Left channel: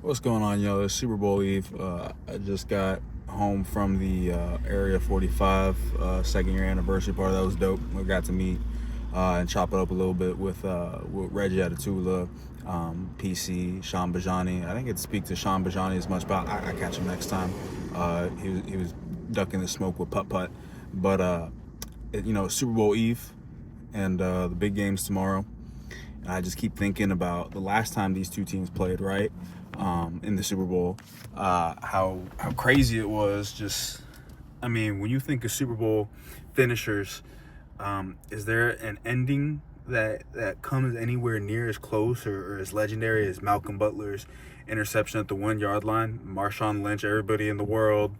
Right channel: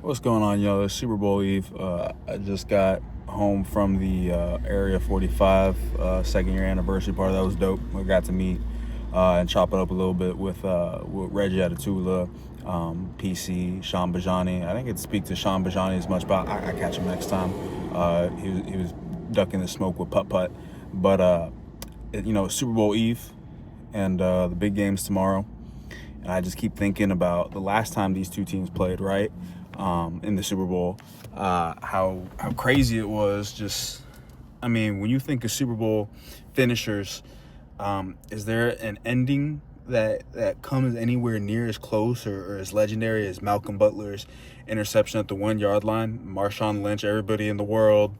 What's going on, yo? It's Super Bowl Eve. I just got home from the Area 45 second year anniversary party. That was dope. I got to meet and chop it up a little bit with Reggie Atatula, PC, Sean Bajani. I didn't get to speak to Sean Bajani as much, but I catch him next time. He was ducking the smoke with Putt Putt. But, Super Bowl Eve and the big games tomorrow. And I just keep thinking about the last time these two teams played, right? In the Super Bowl, how crazy it was. Just, I mean, when you think of Super Bowl finishers, is there an ending that comes anywhere near as close or as legendary as Malcolm Butler's interception at the 1 yard line? Marshawn Lynch, everybody in the world,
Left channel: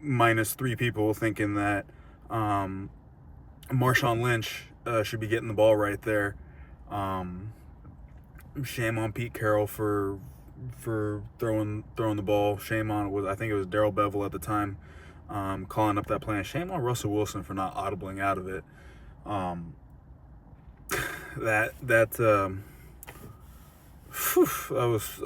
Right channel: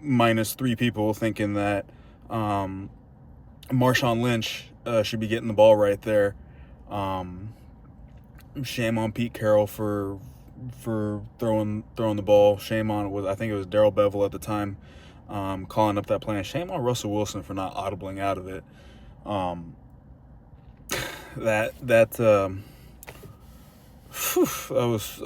minus three people thinking that Marshawn Lynch should be getting the ball right there. Shame on Pete Carroll for throwing the ball. Shame on I think it was Darrell Bevell at the time calling up that play. And shame on Russell Wilson for not audibling out of it. That was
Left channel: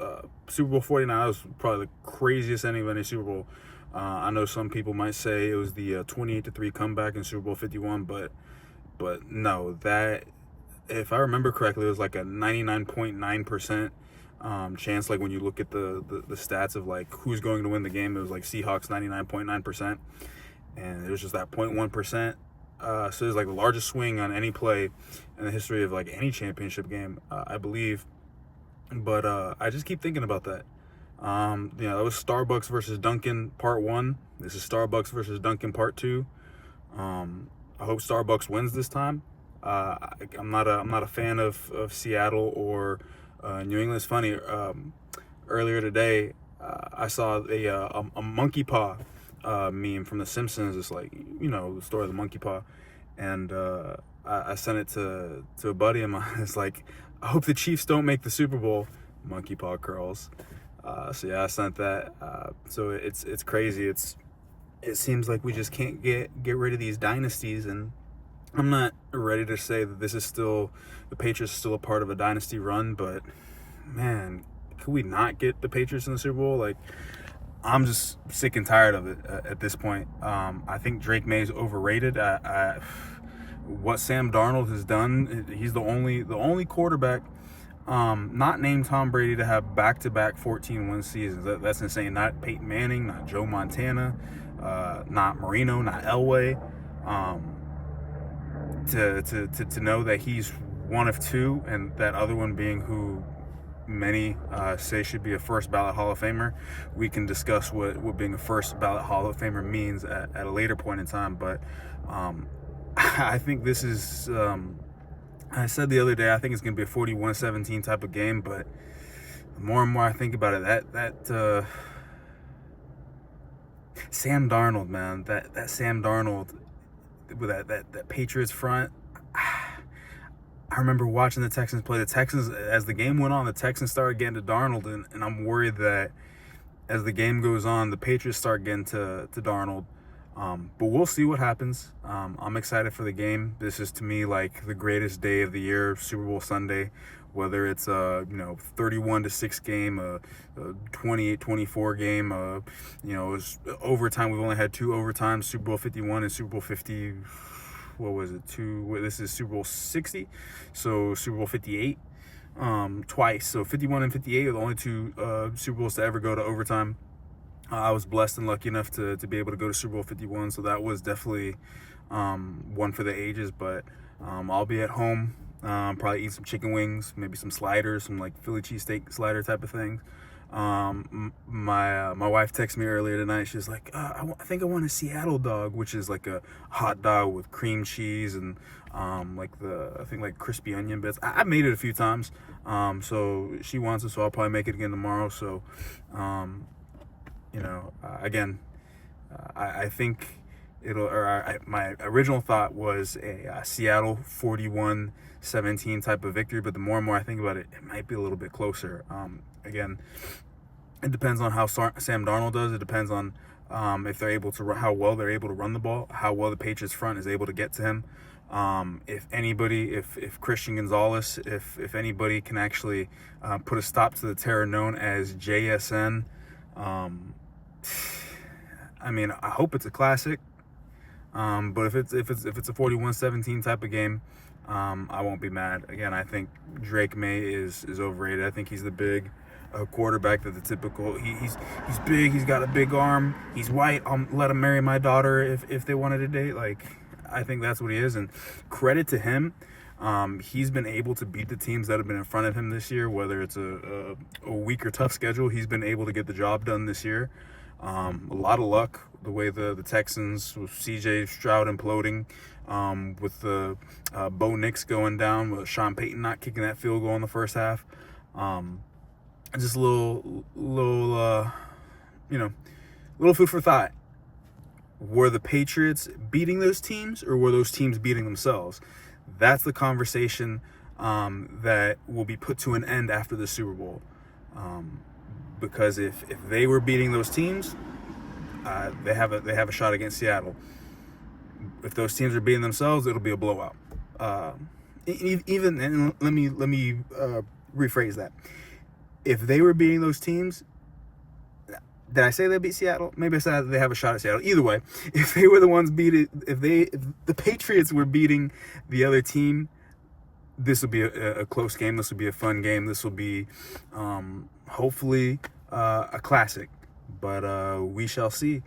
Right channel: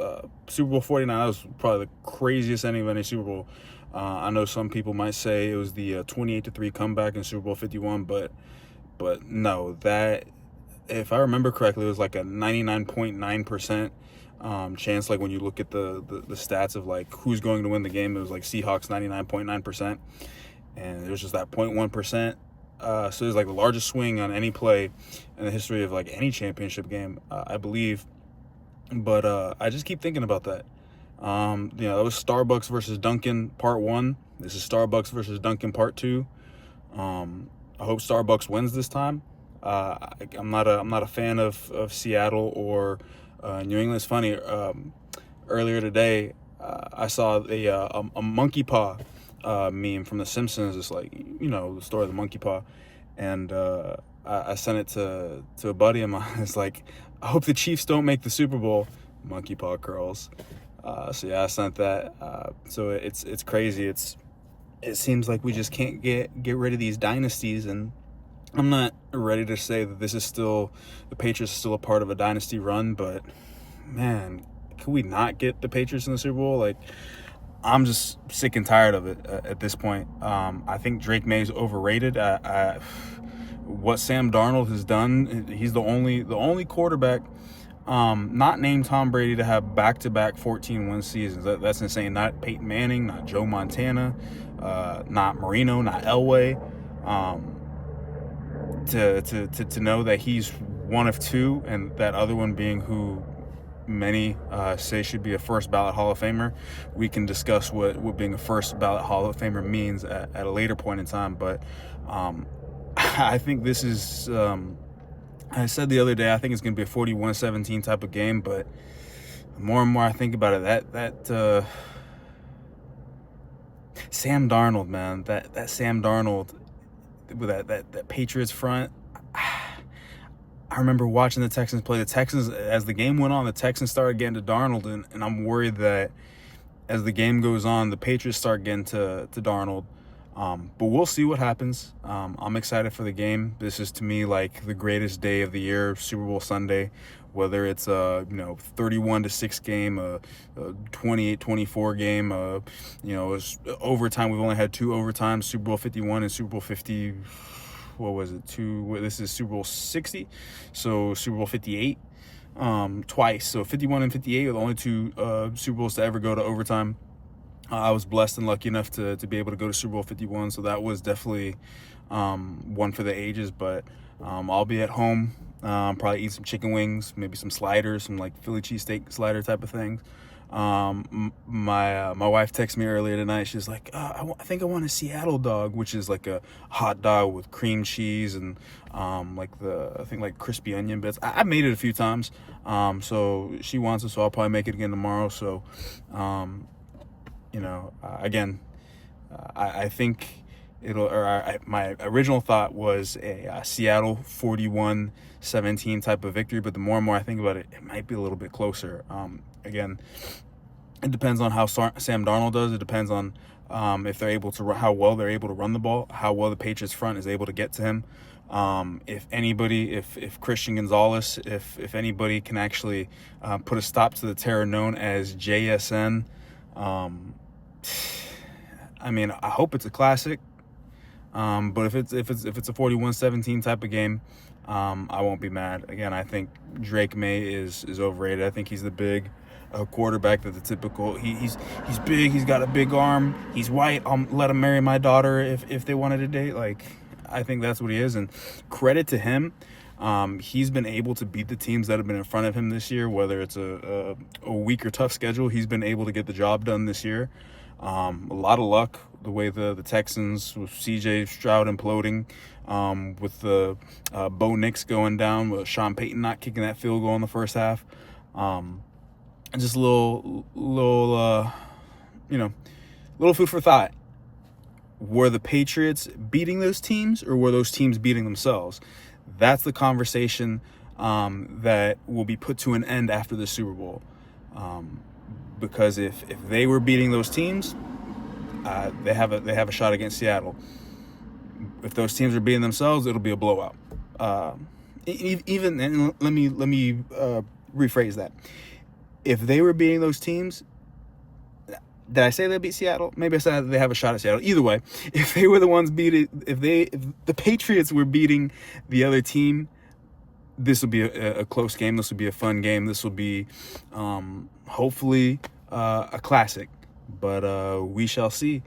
Super Bowl 49. That was probably the craziest ending of any Super Bowl. I know some people might say it was the 28-3 comeback in Super Bowl 51, but no, that, if I remember correctly, it was like a 99.9% chance. Like when you look at the stats of like who's going to win the game, it was like Seahawks 99.9%, and it was just that 0.1%. So it was like the largest swing on any play in the history of like any championship game, I believe. But I just keep thinking about that. That was Starbucks versus Dunkin' Part 1. This is Starbucks versus Dunkin' Part 2. I hope Starbucks wins this time. I'm not a fan of Seattle or New England. It's funny. Earlier today, I saw a monkey paw meme from The Simpsons. It's like, the story of the monkey paw, and I sent it to a buddy of mine. It's like, I hope the Chiefs don't make the Super Bowl. Monkey paw curls. So yeah, I sent that. So it's crazy. It seems like we just can't get rid of these dynasties, and I'm not ready to say that the Patriots are still a part of a dynasty run, but man, can we not get the Patriots in the Super Bowl? Like, I'm just sick and tired of it at this point. I think Drake May's overrated. What Sam Darnold has done, he's the only quarterback not named Tom Brady to have back-to-back 14-win seasons. That's insane. Not Peyton Manning, not Joe Montana, not Marino, not Elway. To know that he's one of two, and that other one being who many say should be a first ballot Hall of Famer. We can discuss what being a first ballot Hall of Famer means at a later point in time. But I think this is, I said the other day, I think it's going to be a 41-17 type of game. But the more and more I think about it, that Sam Darnold, man, that Sam Darnold with that Patriots front. I remember watching the Texans play. The Texans, as the game went on, the Texans started getting to Darnold, and I'm worried that as the game goes on, the Patriots start getting to Darnold. But we'll see what happens. I'm excited for the game. This is, to me, like the greatest day of the year, Super Bowl Sunday. Whether it's a 31-6 game, a 28-24 game, it was overtime. We've only had two overtimes: Super Bowl 51 and Super Bowl 50. What was it? This is Super Bowl 60, so Super Bowl 58 twice. So 51 and 58 are the only two Super Bowls to ever go to overtime. I was blessed and lucky enough to be able to go to Super Bowl 51, so that was definitely one for the ages. But I'll be at home, probably eat some chicken wings, maybe some sliders, some like Philly cheesesteak slider type of thing. My wife texted me earlier tonight. She's like, I think I want a Seattle dog, which is like a hot dog with cream cheese and I think like crispy onion bits. I made it a few times, so she wants it, so I'll probably make it again tomorrow. So again, I think my original thought was a Seattle 41-17 type of victory, but the more and more I think about it, it might be a little bit closer. Again, it depends on how Sam Darnold does. It depends on if they're able to how well they're able to run the ball, how well the Patriots front is able to get to him. If anybody, if Christian Gonzalez, if anybody can actually put a stop to the terror known as JSN, I mean, I hope it's a classic. But if it's a 41-17 type of game, I won't be mad. Again, I think Drake May is overrated. I think he's the big quarterback that the typical. He's big. He's got a big arm. He's white. I'll let him marry my daughter if they wanted to date. Like, I think that's what he is. And credit to him. He's been able to beat the teams that have been in front of him this year, whether it's a weak or tough schedule. He's been able to get the job done this year. A lot of luck the way the Texans with CJ Stroud imploding, with the Bo Nix going down, with Sean Payton not kicking that field goal in the first half. Just a little food for thought. Were the Patriots beating those teams, or were those teams beating themselves? That's the conversation that will be put to an end after the Super Bowl. Because if they were beating those teams, they have a shot against Seattle. If those teams are beating themselves, it'll be a blowout. Even and let me rephrase that. If they were beating those teams, did I say they beat Seattle? Maybe I said they have a shot at Seattle. Either way, if they were the ones if the Patriots were beating the other team, this will be a close game. This will be a fun game. This will be hopefully a classic. But we shall see.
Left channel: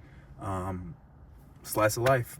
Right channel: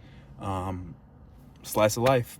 Slice of life.